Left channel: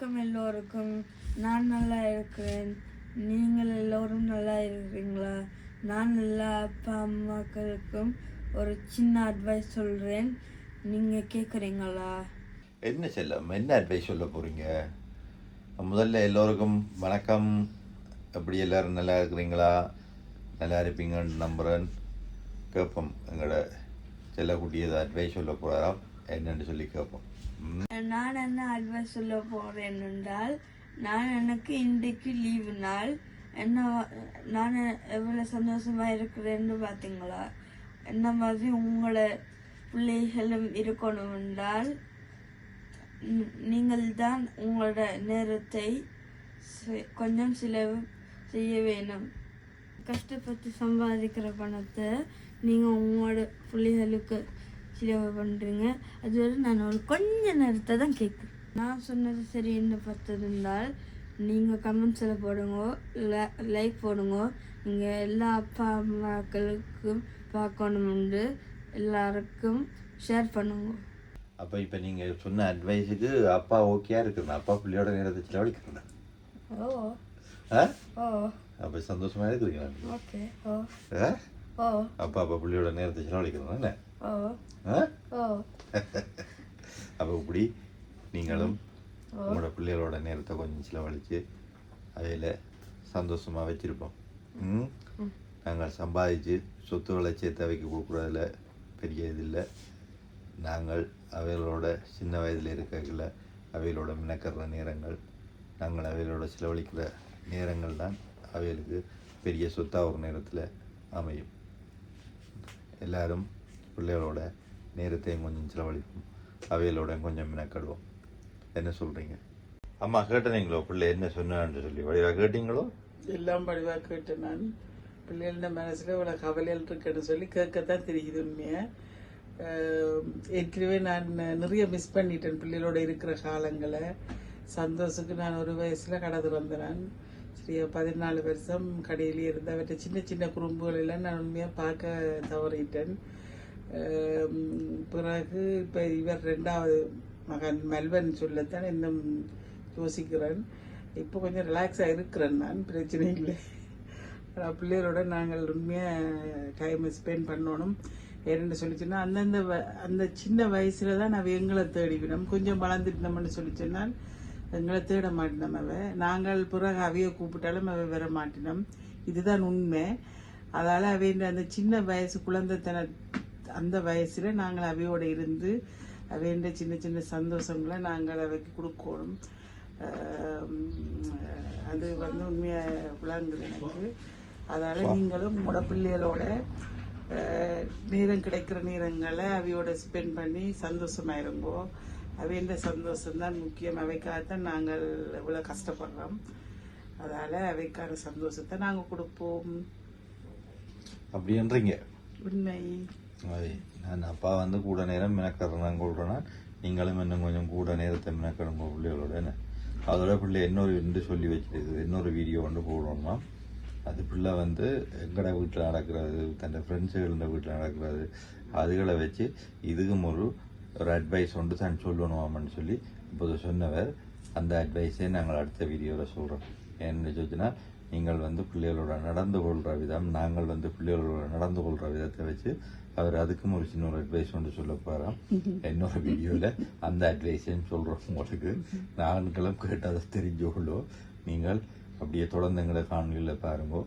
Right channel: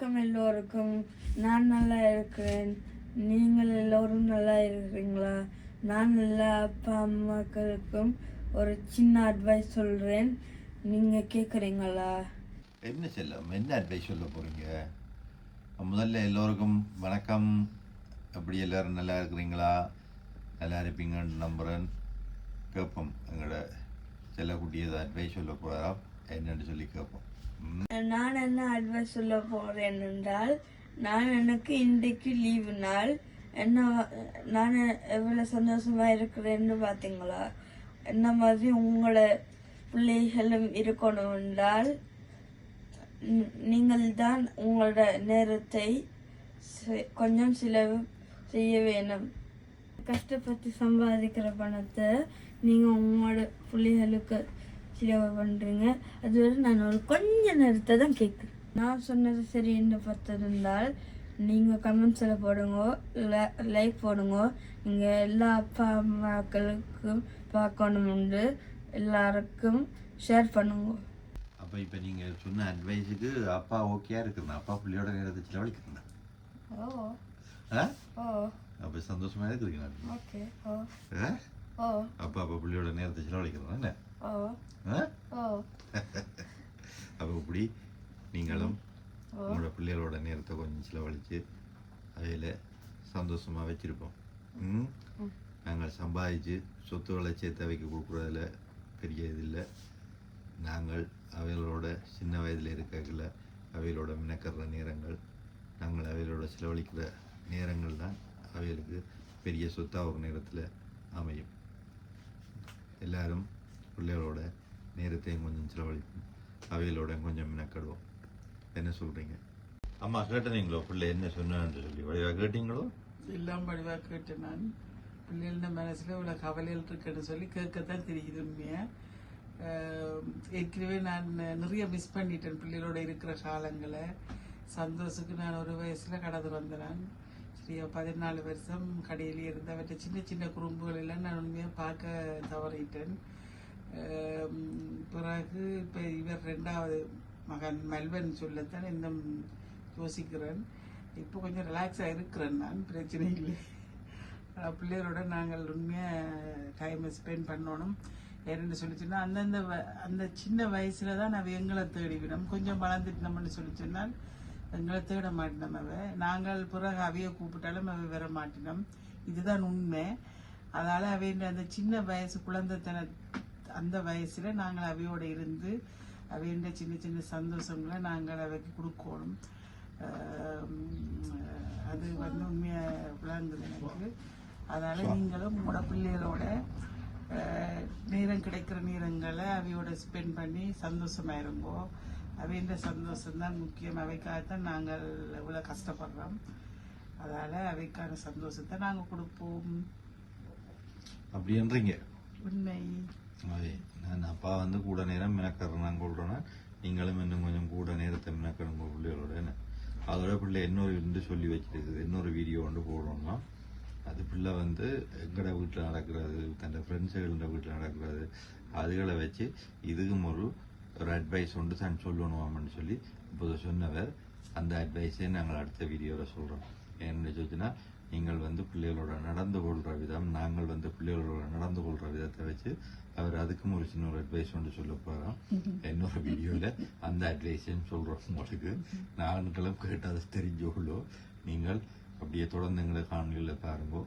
வணக்கம் எல்லோருக்கும். நான் நல்லா இருக்கிறேன். நீங்கள் எல்லோரும் நல்லா இருக்கிறீங்களா? நான் எல்லா அப்பா அம்மாக்களுக்கும் ஒரு சின்ன அட்வைஸ் சொல்கிறேன் நீங்கள் கேட்குறீங்களா என்ன செல்லம் என்ன அட்வைஸ் சொல்ல போகிறீங்க முதல்ல எல்லோருக்கும் வணக்கம். எப்படி எல்லோரும் நல்லா இருக்கிறீங்களா? நல்லா இருப்பீங்கன்னு நம்புகிறேன் கேட்போம் எங்களோட செல்லக்குட்டியது அட்வைஸ் சொல்ல போகிறாராம் என்னன்னு சொல்லி கேட்போம். நான் என்ன அட்வைஸ் சொல்ல போகிறேன் என்றால் நான் எனக்கு இன்றைக்கு லீவு நாள். என்ன நான் எவ்வளோ சந்தோஷமாக இருக்கிறேன்னு பார்த்தீங்களா? என்ன மாதிரி உங்களை பிள்ளைகளும் இருக்கணும் என்றால் நீங்கள் தான் உங்களோட நேரத்தை செ- கொஞ்சம் செலவு செய்ய வேணும் கஷ்டப்பட்டு சம்பாதிக்கிற பணத்தை நீங்கள் உங்களோட பிள்ளைகளுக்கு செலவு பண்ணுறீங்க அதுவரை நான் ஒரு கொஞ்ச நேரத்தை தான் கேட்குறேன். நான் சொன்னது சரி என்று பார்த்திருந்தால் நீங்கள் கமெண்ட்ஸில் போடுங்க லைக் போடுங்க. நீங்கள் எல்லா அப்பா அம்மாக்களுக்கும் பார்க்கணுமென்று எல்லாருக்கும் ஷேர் பண்ணுங்க. அப்போ இப்போ நீங்கள் சொன்ன அட்வைஸுக்கு அப்பா ஓகேயா இருக்கிறேன் அப்பா பிள்ளையோட நேரத்தை செலவழிக்கிறேன் ஓ. ஆ? ஓ. அப்போ சந்தோஷமாக இருக்கிறீங்களா? ஓகே ஓ. ஆ? அப்பா அப்பா பிள்ளையோட நேரத்தை செலவழிக்கிறேன் என்ன அப்போ இப்படி நீங்களும் உங்களோட பிள்ளைகளோட நேரத்தை கொஞ்சம் செலவழித்து அவையில் சந்தோஷமாக வச்சுருப்போம் ம் நாங்கள் சம்பாதிச்சு சொத்துக்களை சேர்த்து அவைக்கு கொடுக்குறதுல பெரிய இது இல்லை நாங்கள் அவைகளோட சின்ன வயதில் இருக்கல அவைகளோட மினக்கற நேரங்கள் நாங்கள் அவைகளோட செலவழிக்கிற நேரங்கள் தான் அவைகளுக்கு பெரிய சொத்தாக ஒரு நேரத்தில் அமையும் எல்லாரும் பிள்ளைகளோட நேரத்தையும் கொஞ்சம் செலவழிப்போம். அவைகளோட கொஞ்சம் மினக்கடுவோம். என்ன சொல்கிறீங்க அம்மா கேட்டனீங்களோ? பிள்ளை என்ன சொன்னான்னு சொல்லி. வடிவாக கேட்டீங்களோ? எல்லாம் வடிவாக கேட்டேன் நான். பிள்ளைகளோட மனசில் இவ்வளோ கவலையில் இருக்குன்னு சொல்லி கேட்கத்தான் தெரியுது உண்மையை? ஏற்கனவே நான் நிறைய மிஸ் பண்ணிட்டேன் பிள்ளைகளோட இருக்கிற காலங்களை. சந்தோஷத்துக்கு நான் ஒரு வயசில் கடந்து வந்தேன். நான் நான் பதினாலு வருஷம் கடையிலே இருந்த அவற்றை சின்ன சின்ன குறும்புகள் எல்லாம் நான் உண்மையாக பார்க்க தவறிட்டேன். பிறகு இப்போ இவர் ரெண்டாவது மகன் மெல்வன் சொல்லத்தான் இன்னும் யோசிக்கிறேன். இப்போ கொஞ்சம் ரிலாக்ஸாக இருக்கிறேன் நான் பிரச்சனை இல்லை. பிள்ளைகளோட நாங்கள் உண்மையாக டைம் ஸ்பெண்ட் பண்ணணும். ஏன்னு சொல்லிச்சுன்னா அந்தந்த வ- அந்த சின்ன வயசுல தான் நான் எங்களை தேடிவிடும். கொஞ்சம் வளர்ந்துட்டோம்னு சொல்லி சொன்னால் எங்களை தேட மாட்டினோம் அவ. நாங்கள் பிறகு அவைய கூப்பிட்டாலும் அவ வர மாட்டினோம். இதுதான் உண்மை. அதால அவைந்த அந்த சின்ன வயசு குழந்தைத்தன அந்த வயசுல நாங்கள் அவையோட இருந்து அவைண்ட சின்ன சின்ன சந்தோஷங்களை நாங்கள் அவைக்கு கொடுக்கணும். அது வந்து உண்மையா விளங்குது எனக்கு. அதால நீங்களும் உங்களோட பிள்ளைகளோட நேரம் கிடைக்கிற நேரங்களை அவையோட ஸ்பெண்ட் பண்ணி சந்தோஷமா இருங்கோ அவையோட சந்தோஷம் தான் முக்கியம். அவைக்காகத்தான் நாங்கள் இவ்வளவு கஷ்டப்படுறோம். அதால அவைக்கான சந்தோஷத்தை நாங்க கொடுப்போம். அப்படின்றீங்க. உண்மை. நான் அப்பா வந்து கூட நேரம் மினக்கறேன் கொள்றேன்னா நீங்களும் இன்னும் கொஞ்சம் கூட நேரத்தை மினக்கடுங்க பிள்ளைகளோட அதோட பிள்ளை இன்னொரு என்று சொல்லி வச்சிருக்கு இன்னொரு வீடியோ ஒன்று போடணும்னா அது பிள்ளை வந்து எங்கட வீட்டில் நடக்கிறது தன் ஃப்ரெண்ட்ஸுகள வீட்டில் நடக்கிறது அதுகளை வச்சு இதுக்கும் ஒரு ஒரு அட்வைஸ் ஒன்று தான் சொல்லணுமாமன்னு சொல்லி இப்போது சொன்னவர். அந்த அட்வைஸே நாங்கள் அடுத்த வீடியோவில் சொல்கிறோம் என்ன சொன்னால் நீங்கள் வந்து பிள்ளைகளோட நடந்து கொள்கிற விதம் நாங்கள் வந்து பிள்ளைகளோட நடந்து கொள்கிற விதத்தை வச்சு அவர் அதுக்கும் ஒரு சின்ன ஒரு அட்வைஸ் ஒன்று சொல்ல போகிறோம் இன்னொரு வீடியோவில் அந்த அட்வைஸையும் சொல்கிறோம் உங்களுக்கு. நாங்களும் கேட்டதை தெரிஞ்சுக்கொள்ளோ. நீங்கள் அப்படியே தொடர்ந்து எங்களை காணொலியில் பாருங்க.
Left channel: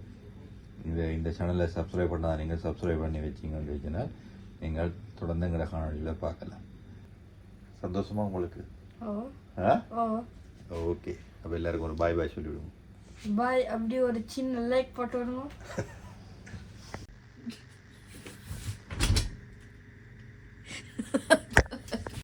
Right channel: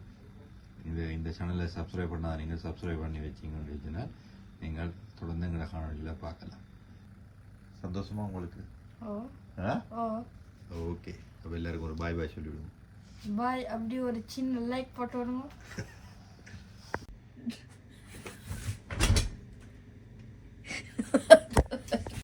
இந்த இந்த சேனலை சப்ஸ்கிரைப் பண்ணால் நீங்கள் சப்ஸ்கிரைப் பண்ணி வச்சிங்கன்னு வச்சுனால் நீங்கள் தொடர்ந்து எங்களை காணொலியில் பார்க்கலாம். சந்தோஷமா உங்களுக்கு? ஓகே. அப்போ எல்லாருக்கும் ஒரு பாய் பாய் சொல்லிவிடுவோம் பாய் அப்படி ஒரு சின்ன லைக் போட்டு விடுங்க.